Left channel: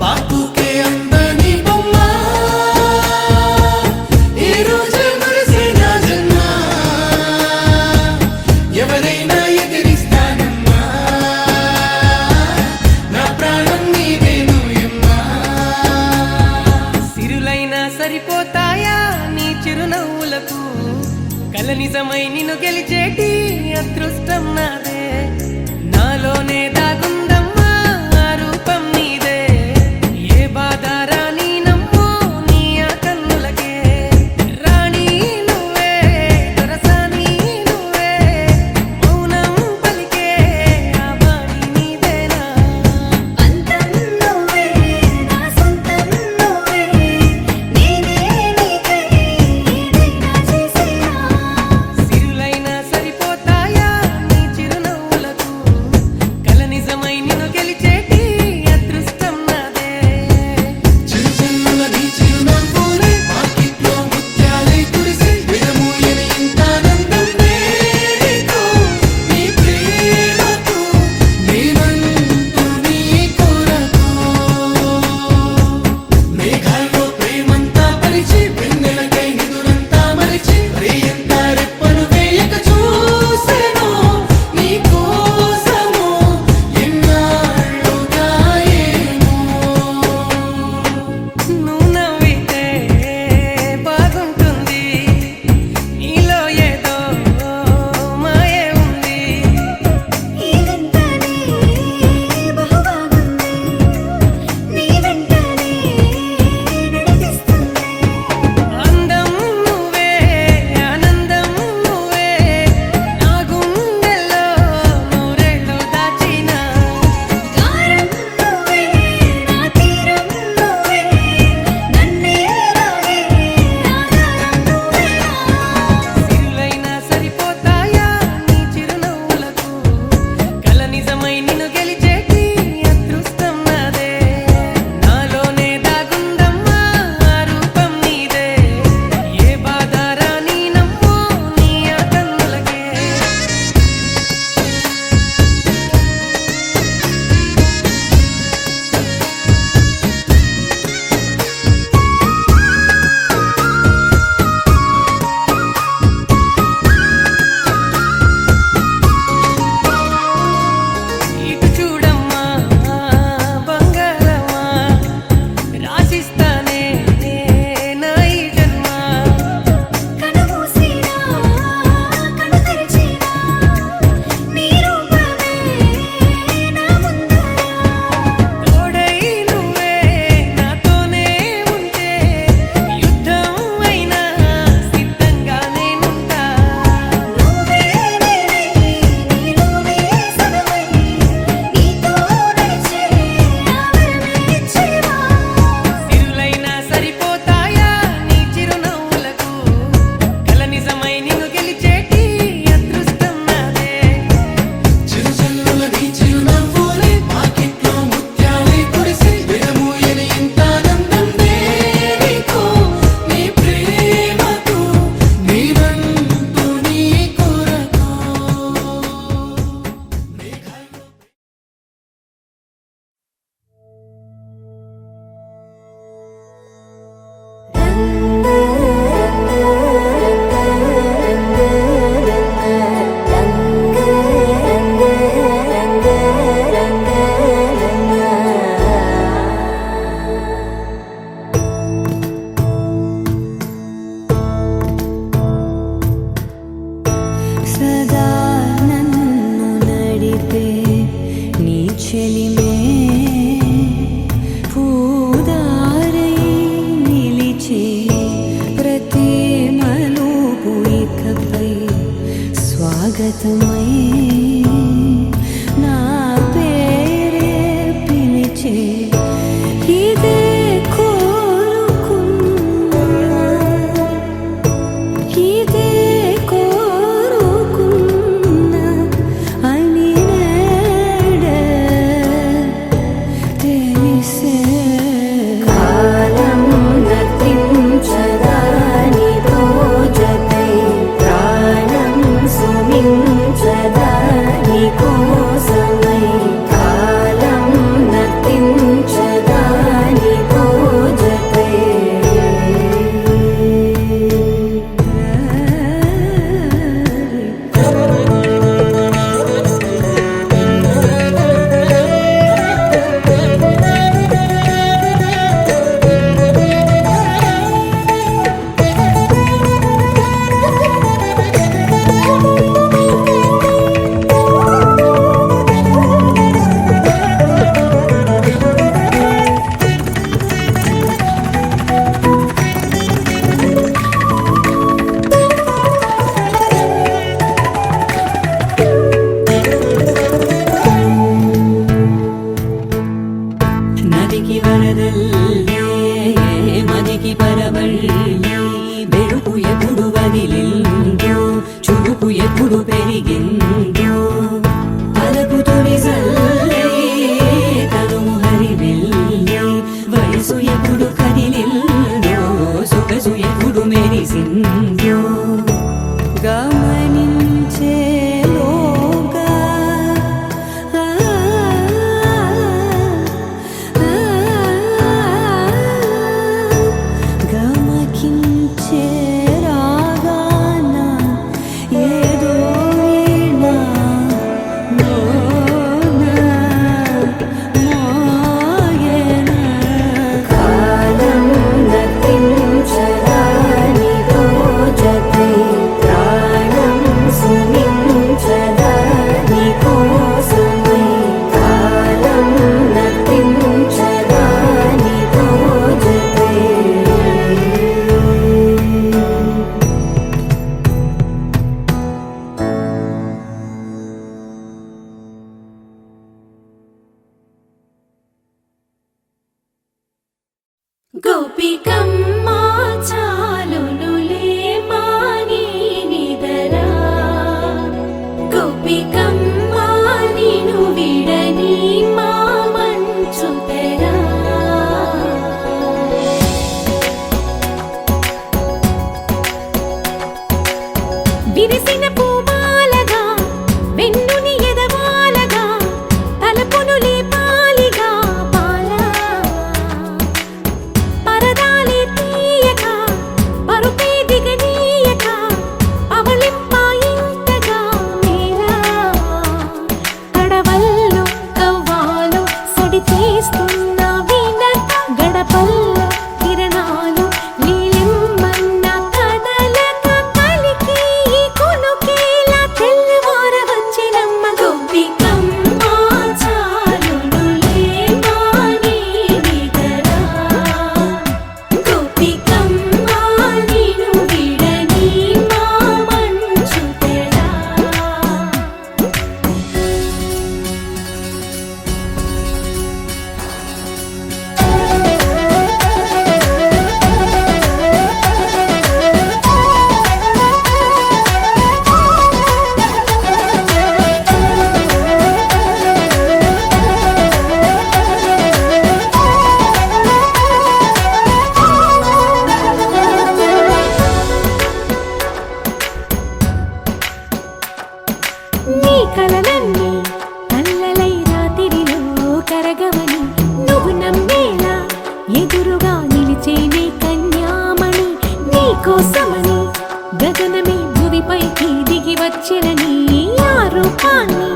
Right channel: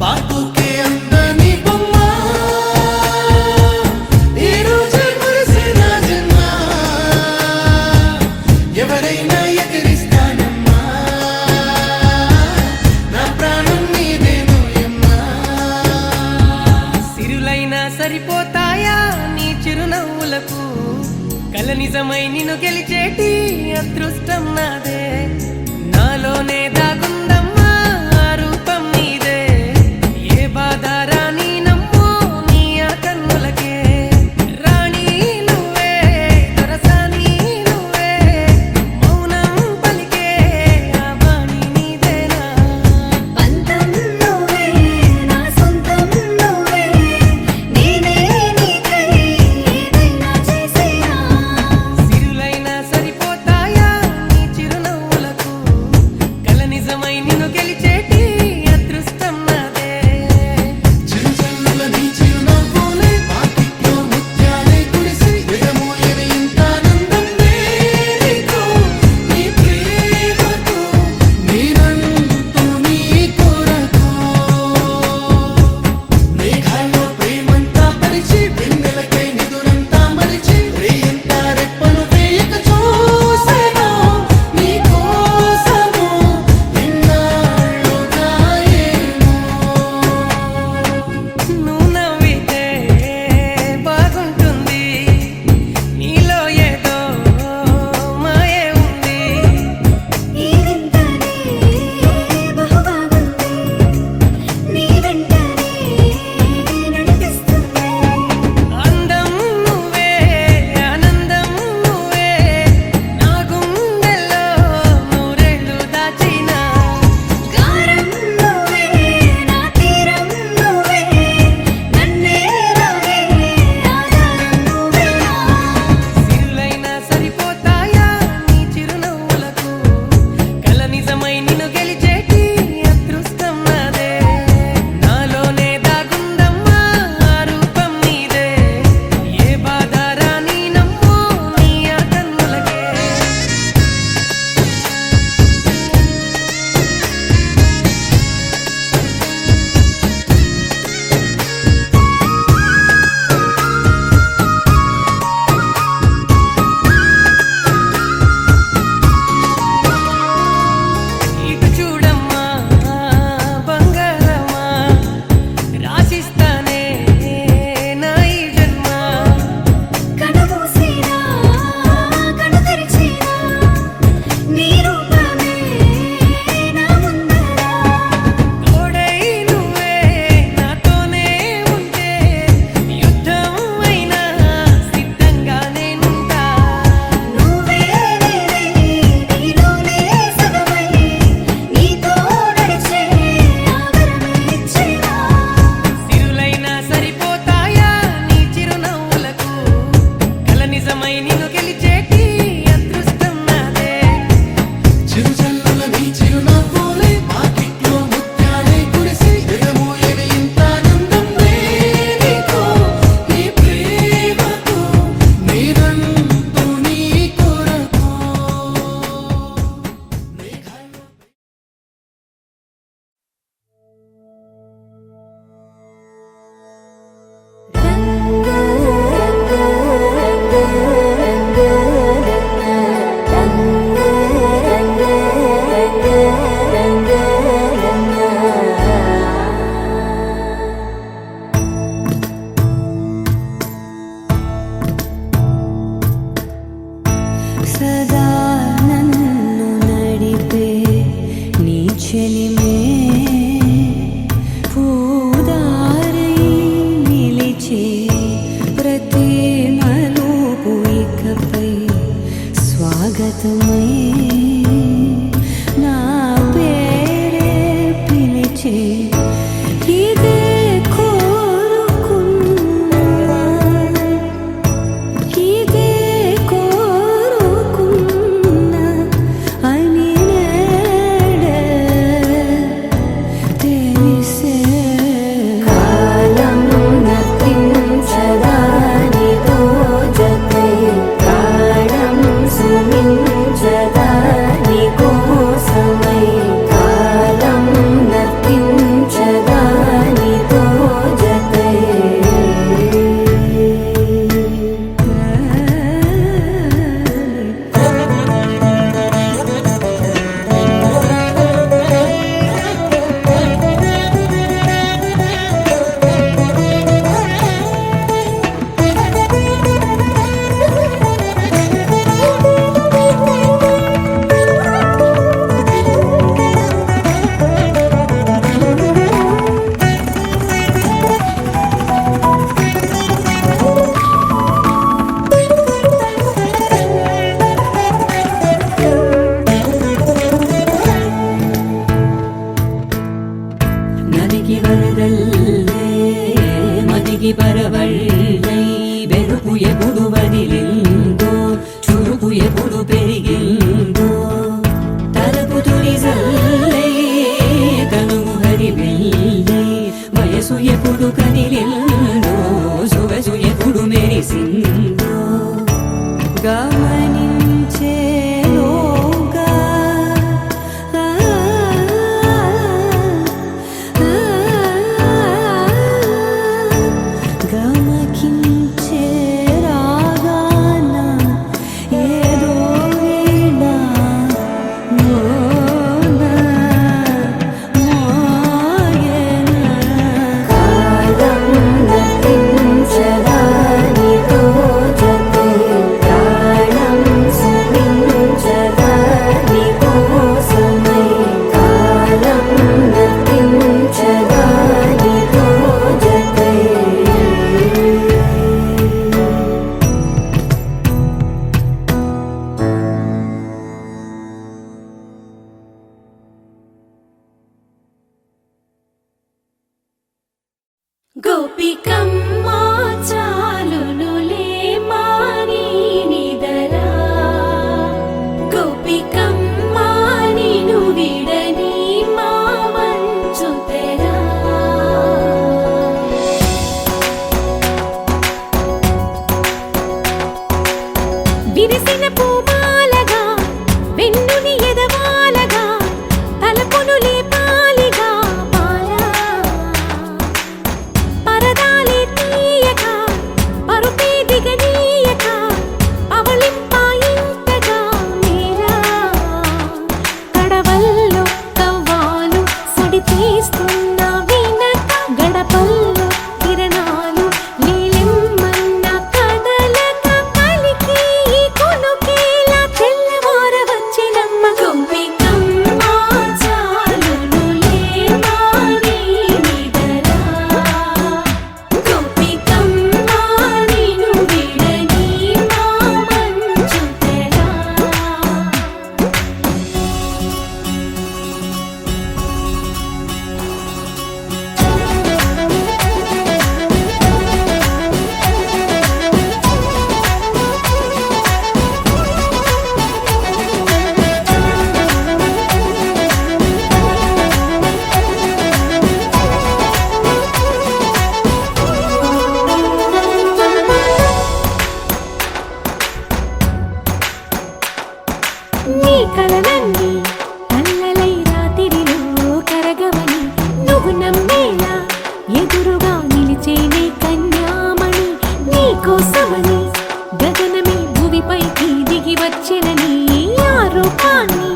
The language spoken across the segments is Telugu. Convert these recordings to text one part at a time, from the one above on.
బాపుకే అందని బొమ్మ ఈ రోజే మురిసే నా జన్మ ఎవరైనా ఎదిరిస్తానమ్మా నా ప్రాణం నీదేను యమ్మా సిరులైనా సరిపోతాయా నీ చిరునవ్వులకు కల నిజమై నిన్ను గెలిచేటి అదృష్టం నాదే నాలోనే దాగుందమ్మా ఆ రూపం నీదే ఏ బాధ రాని నమ్మో నీ ఆ కన్నులకే రాణి నువ్వే దొరసాని నువ్వే మౌనం పలికే ఆ వాణి నీదేనా పంతం నువ్వే నా సొంతం నువ్వే నేనే నీకై ఏదైనా చేసేనా సిరులైనా సరిపోతాయా నీ చిరునవ్వులకు కల నిజమై నిన్ను గెలిచేటి అదృష్టం నాదే చిరుజల్లుల నీ చిరునవ్వులే వాకిట్లో ముత్యాలై కురిసి విడమూయని ఇంత ఆనందం నీకు నీ ప్రేమకు నేనంటూ నీ కొరకు మేఘాల్లో ప్రేమంతా పరిచి వెన్నెలకై నిదురంతా మరిచి రేయంతా రెప్పలు వేయక చూసెను నీ కోసము ఎన్నాళ్ళుగా ఏమో నువ్వు నవ్వితే బాగుంటుంది నీలో ఏదో మాయే ఉంది ఈ వింతనే బహుబాగుంది నీ వెంటనే నడిపిస్తుంది అందం నువ్వే ఆనందం నువ్వే నా గుండెల్లో నూరేళ్ళు దాచిన గారం నువ్వే నా తీరం నువ్వే నన్నే లాగే ఆధారం నువ్వేనా సిరులైనా సరిపోతాయా నీ చిరునవ్వులకు కల నిజమై నిన్ను గెలిచేటి అదృష్టం నాదే నాలోనే దాగుందమ్మా ఆ రూపం నీదే ఏ బాధ రాని నమ్మో నీ ఆ కన్నులకే ఇటు చూడమ్మా బంగారమా రాసిస్తానే నా ఈ జన్మ కనుమూసినా కను తెరిచినా నీ రూపమే నా ముందర తోడై నువ్వే నాతోనే ఉంటే యుద్ధం అయినా సిద్ధంగా నేనుంటా నువ్వే నేనై నీలోనే సగమై నీతో నడిచే ఆవరణ ఇచ్చేవా సిరులైనా సరిపోతాయా నీ చిరునవ్వులకు కల నిజమై నిన్ను గెలిచేటి అదృష్టం నాదే చిరుజల్లుల నీ చిరునవ్వులే వాకిట్లో ముత్యాలై కురిసి విడమూయని ఇంత ఆనందం నీకు నీ ప్రేమకు నేనంటూ నీ కొరకు మేఘాల్లో సదా నన్ను నడిపే నీ చెలిమే పూదారై నిలిచే ప్రతి మలుపు ఇకపై స్వాగతమై నా పేరే పిలిచే ఇదే కోరుకున్నా ఇదే కోరుకున్నా అని నేడే తెలిసే కాలం నతించదాని రోజకై ప్రాణం సుమించదా ಮಡಿಗೆ ಬರದಲ್ಲೇ ಮನೆಗೆ ಬರಬಳ್ಳಿ ಬೆಳಕು ಎప్పుడు ಬದಿಲಿಂದು ಚುರುಕು ಎప్పుడు పెరిగిందో తలపు తొలిసల్లే తనువు హరిమెల్లి వయసు ఎప్పుడు కదిలిందో సొగసు ఎప్పుడు మెరిసిందో గమనించేలోగా గమకించే రాగాన ఏదో వీణ మోన మోయన కాలం నతించదాని రోజతే ప్రాణం సుమించదాని కోసమై కాలం నతించదాని రోజతే గోపికమ్మ చాలునులే మాని నిదరా గోపికమ్మ నిను విడని మా మంచు తెరా విరిసిన పూమాలగా వెన్నుని ఎదవాలగా తలపును లేపాలిగా బాలా పరదాలే తీయక పరుపే దిగనీయక అవలింపాయింతగా మేరా కడవల్లో కవ్వాలు సడి తీస్తున్న వినత గడపల్లో కిరణాలు లీలిమ్మన్న కదలక కలికి ఈ కొనుకేలా తెల్లవార వచ్చినమ్మ గోపికమ్మ చాలునులే మాని నిదరా గోపికమ్మ నిను విడని మా మంచు తెరా నీ కలలన్నీ కల్లలై రాత్రిలో కరగవని నువ్వు నమ్మేలా ఎదురుగా నిలిచేనే కన్యామణి నీ కోసమని గగనమే భువిపైకి దిగి వచ్చినని ఆ రూపాన్ని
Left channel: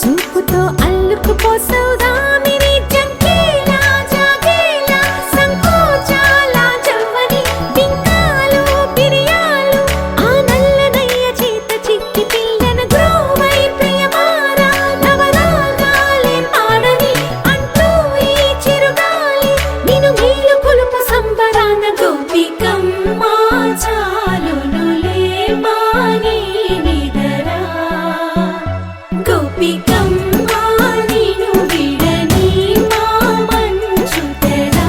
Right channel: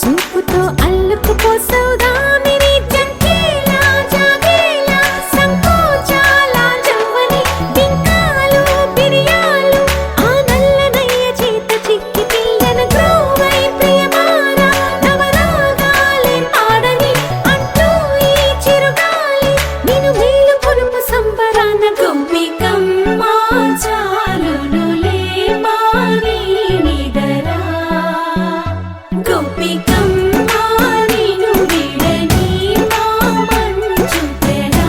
చూపుతో అల్లుకుపోసౌదామిని జంకేలా జాగేలా సంకోచాల జవ్వని బింకాలు బిరియాలు ఆ నల్లనయ్య చేత చిక్కి పిల్లన గ్రోవై ప్రియమారా నవరాగాలే పాడని అంటూ ఈ చిరుగాలి నిన్ను మేలు కొలుపు సంబరాన గోపికమ్మ చాలునులే మాని నిదరా గోపికమ్మ నిను విడని మా మంచు తెరా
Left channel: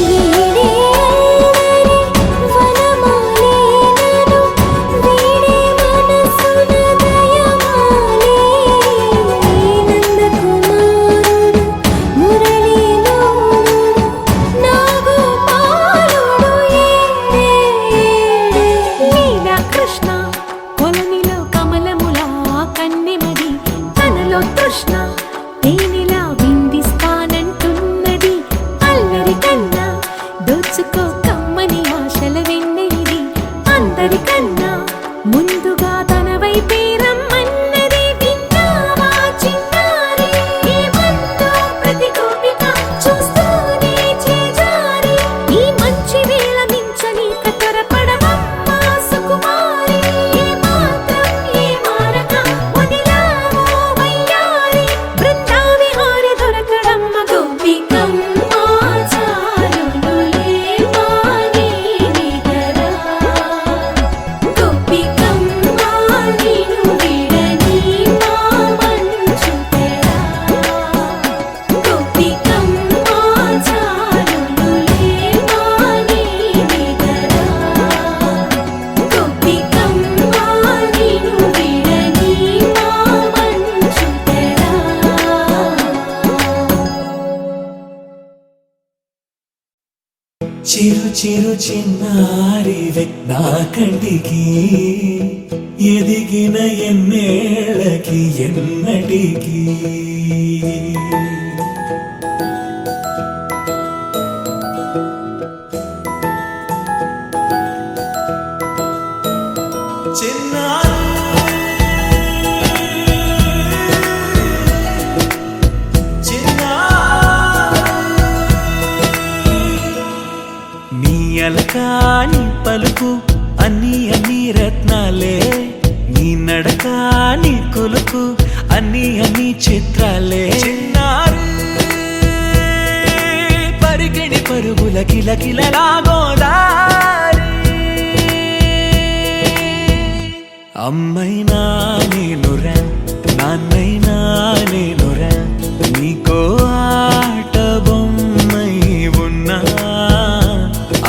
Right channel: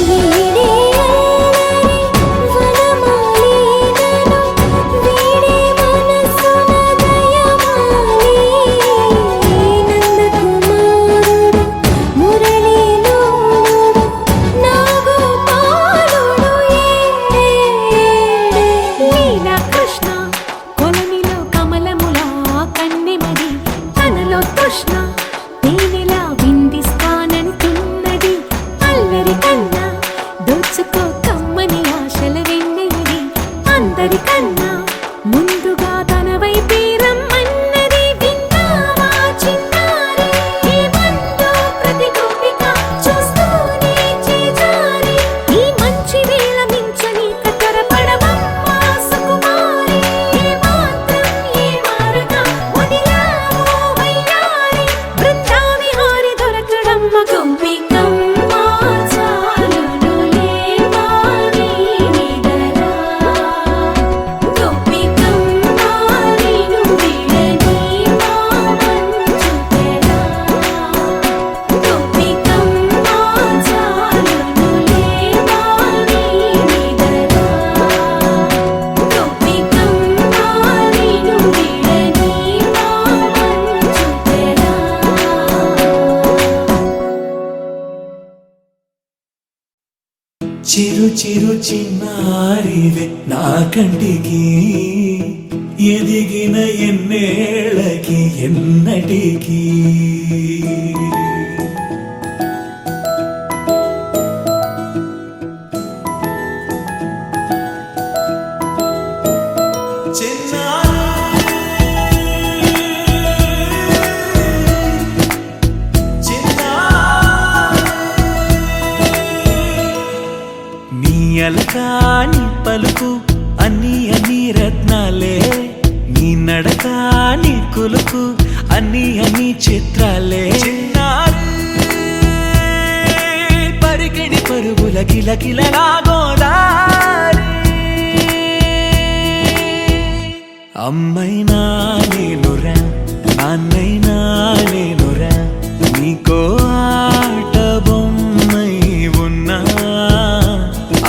వీడే అల్లరి వనమాలినను వీడే మనసున దయమాలి నందకుమారుడు మురళీలోనుడు నాగోపాలుడు ఏడే ఏడే లీలా కృష్ణ కొలనిలో కమలములా కన్నెమది తనలో తృష్ణ తేనెలా విందిస్తానంటున్నది అల్లరి కన్నా దోచుకో కమ్మని ఆశల వెన్నెయిది అందరికన్నా ముందుగా తన వైపే రమ్మన్నది విన్నావా చిన్నారి ఏమందో ప్రతి గోపిక చూస్తూనే చేజారి ఈ మంచి వేళ మించని కతరపడవమ్మ సుకుమారి ఏ మాత్రం ఏ మారక చిరు చిరు చిన్నారివే నా కంటికి ఎదిగిన ఎన్నేళ్ళకి ఎన్నటికి నీ అలకాని పలుకు అన్ని అన్ని రత్నాలే నీ నడకాని కులుకు అన్ని అన్ని చిత్రాలే చిన్నారు పరికిణి పరుగుల కిలకిలలాగోదారి అమ్మైనా నేనురా నాన్నైనా నేనురా నీకో ఆట బొమ్మై ఉన్నా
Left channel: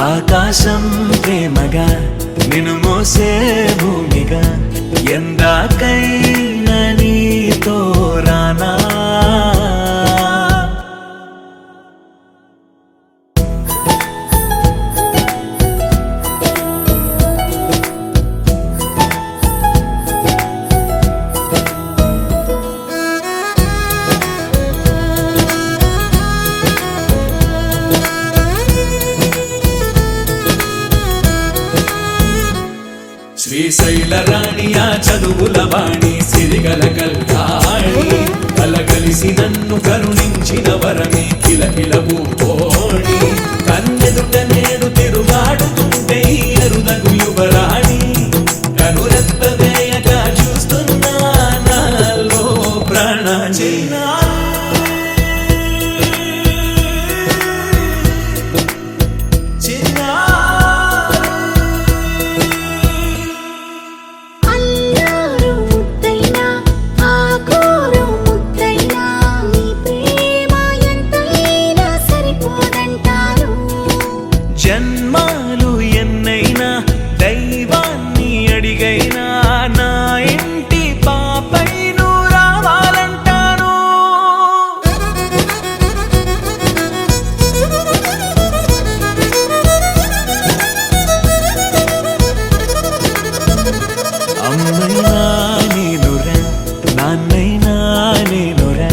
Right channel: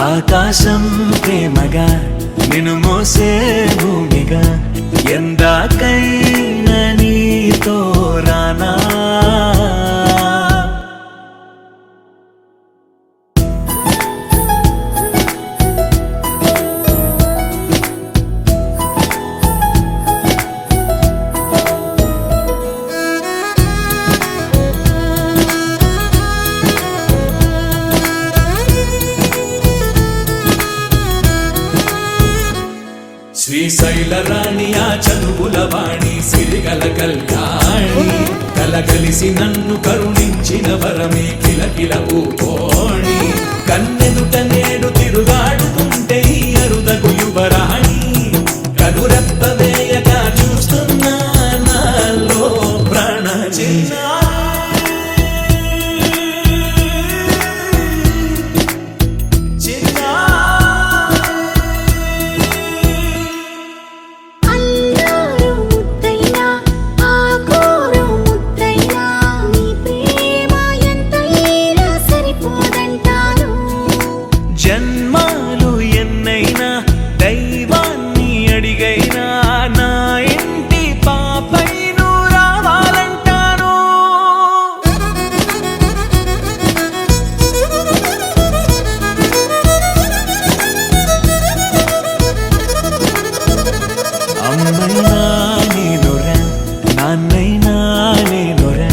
ఆకాశం ప్రేమగా నిన్ను మోసే భూమిగా ఎందాకైనా నీతో రానా శ్రీశైల రాణియా చదువుల వాణి సిరిగల కళ్యాణి కలగలిసి నన్ను కరుణించిన వరమే కిలకిల పూకోణి కన్నెదుట నేడు తిరుగాడుతుంటే ఈ అరుదకు యువరాణి కనురెప్ప వేయక చూస్తున్నా నాలో ప్రాణ అల్లారు ముద్దైనా ఆకోరు ముద్దైనా నీ ప్రేమ ఎంతైనా సరిపోదంటారు జన్మాలు ఎన్నైనా దైవాన్ని అడిగైనా నా ఇంటి పాపై నువ్వు రావాలంటాను అమ్మైనా నేనురా నాన్నైనా నేనురా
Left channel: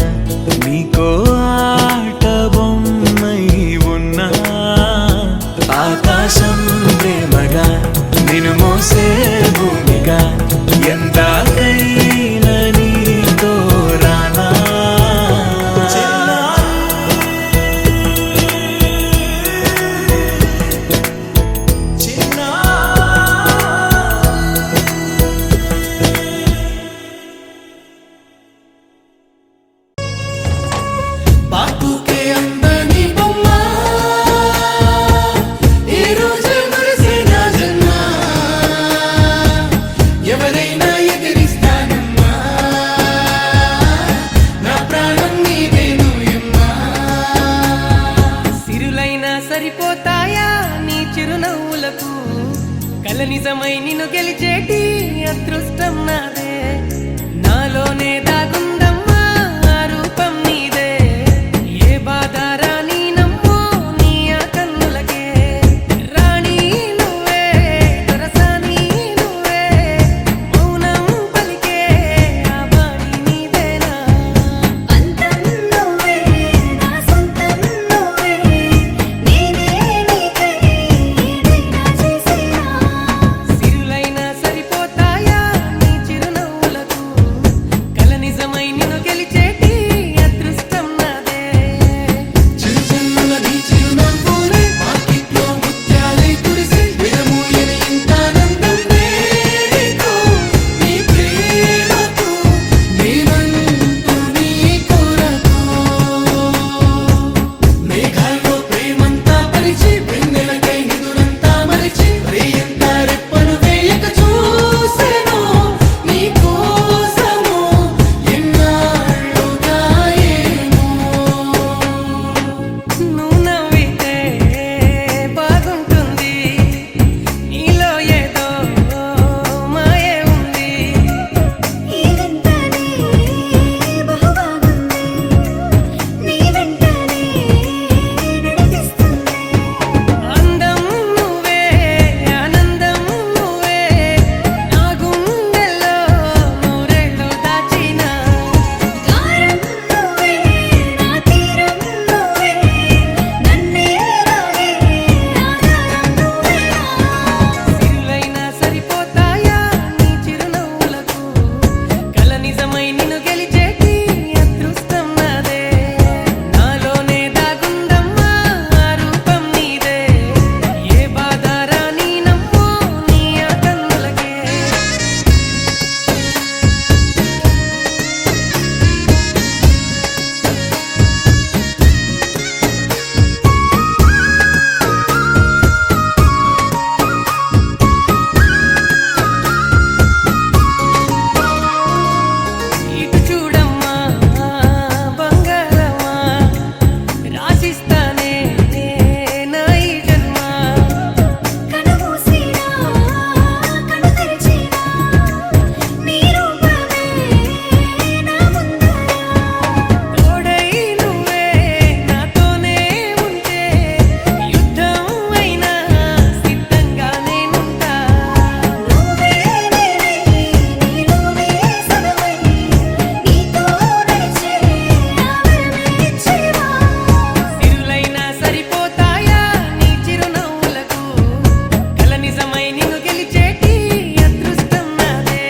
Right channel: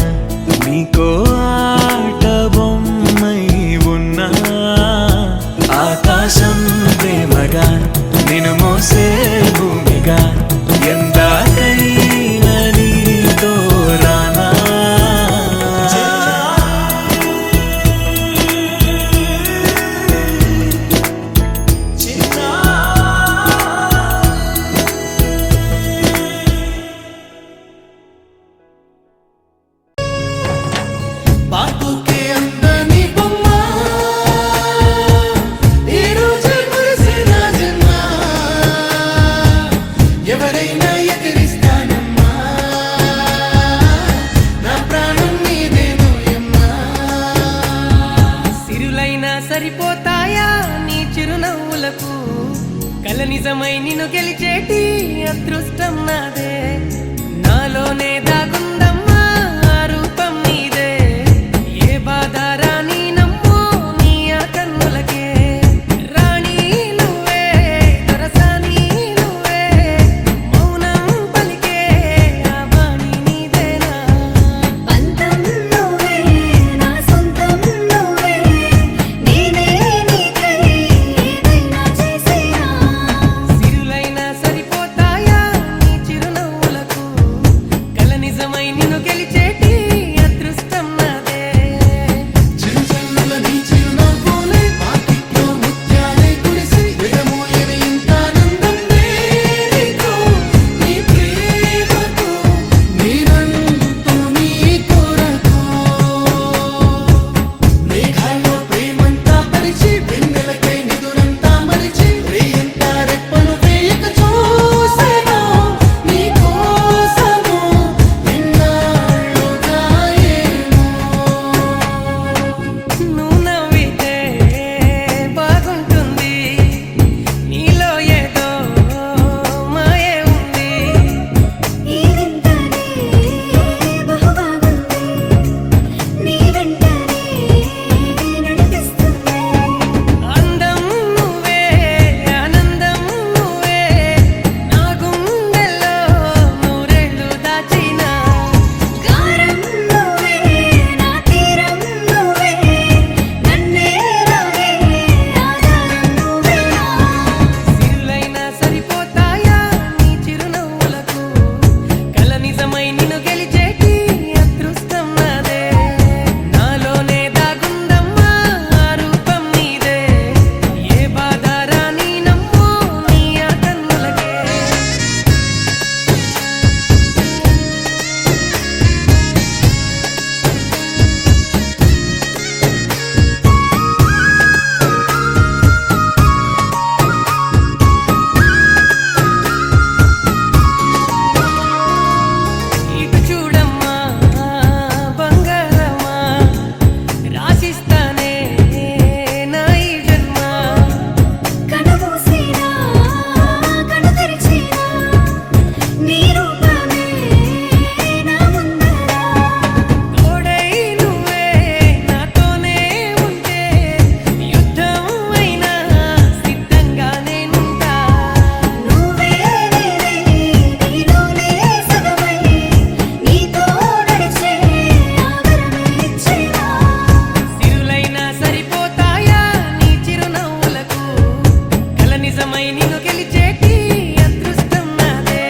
నీకో ఆట బొమ్మై ఉన్నా ఆకాశం ప్రేమగా నిన్ను మోసే భూమిగా ఎందాకైనా నీతో రానా బాపుకే అందని బొమ్మ ఈ రోజే మురిసే నా జన్మ ఎవరైనా ఎదిరిస్తానమ్మా నా ప్రాణం నీదేను ఎమ్మా సిరులైనా సరిపోతాయా నీ చిరునవ్వులకు కల నిజమై నిన్ను గెలిచేటి అదృష్టం నాదే నాలోనే దాగుందమ్మా ఆ రూపం నీదే ఏ బాధ రాని నమ్మో నీ ఆ కన్నులకే రాణి నువ్వే దొరసాని నువ్వే మౌనం పలికే ఆ బాణి నీదేనా పంతం నువ్వే నా సొంతం నువ్వే నేనే నీకై ఏదైనా చేసేనా సిరులైనా సరిపోతాయా నీ చిరునవ్వులకు కల నిజ నిజమై నిన్ను గెలిచేటి అదృష్టం నాదే నాలోనే దాగుందమ్మా ఆ రూపం నీదే ఏ బాధ రాని నమ్మో నీ ఆ కన్నులకే ఇటు చూడమ్మా బంగారమా రాసిస్తానే నా ఈ జన్మ కనుమూసినా కను తెరిచినా నీ రూపమే నా ముందర తోడై నువ్వే నాతోనే ఉంటే యుద్ధం అయినా సిద్ధంగా నేనుంటా నువ్వే నీలోనే సగమై నీతో నడిచే ఆవరణ ఇచ్చేవా సిరులైనా సరిపోతాయా నీ చిరునవ్వులకు కల నిజమై నిన్ను గెలిచేటి అదృష్టం నాదే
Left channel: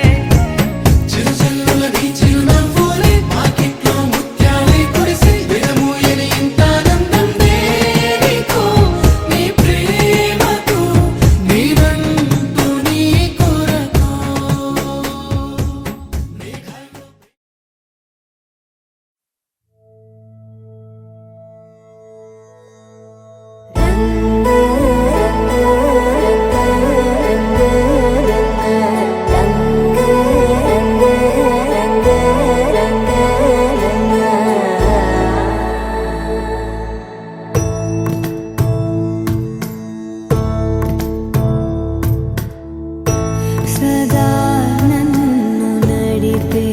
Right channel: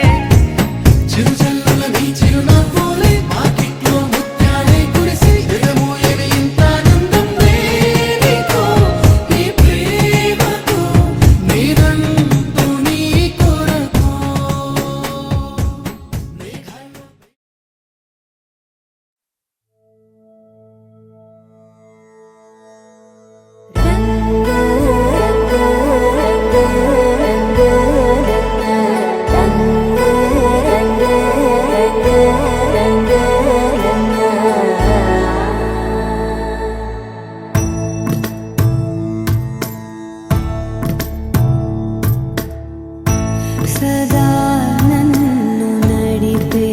చిరుజల్లుల నీ చిరునవ్వులే పాకిట్లో ముత్యాలే కురిసి విడమూయని ఇంత ఆనందం నీకు నీ ప్రేమకు నీరంటూ నీ కొరకు మేఘాల్లో సదా నన్ను నడిపే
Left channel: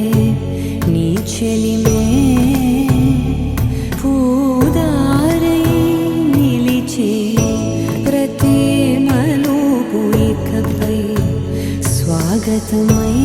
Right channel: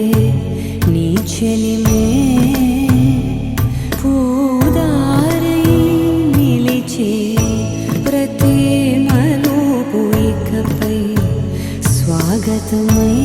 నీ చెలిమే పూదారై నిలిచే ప్రతి మలుపు ఇకపై స్వాగతమై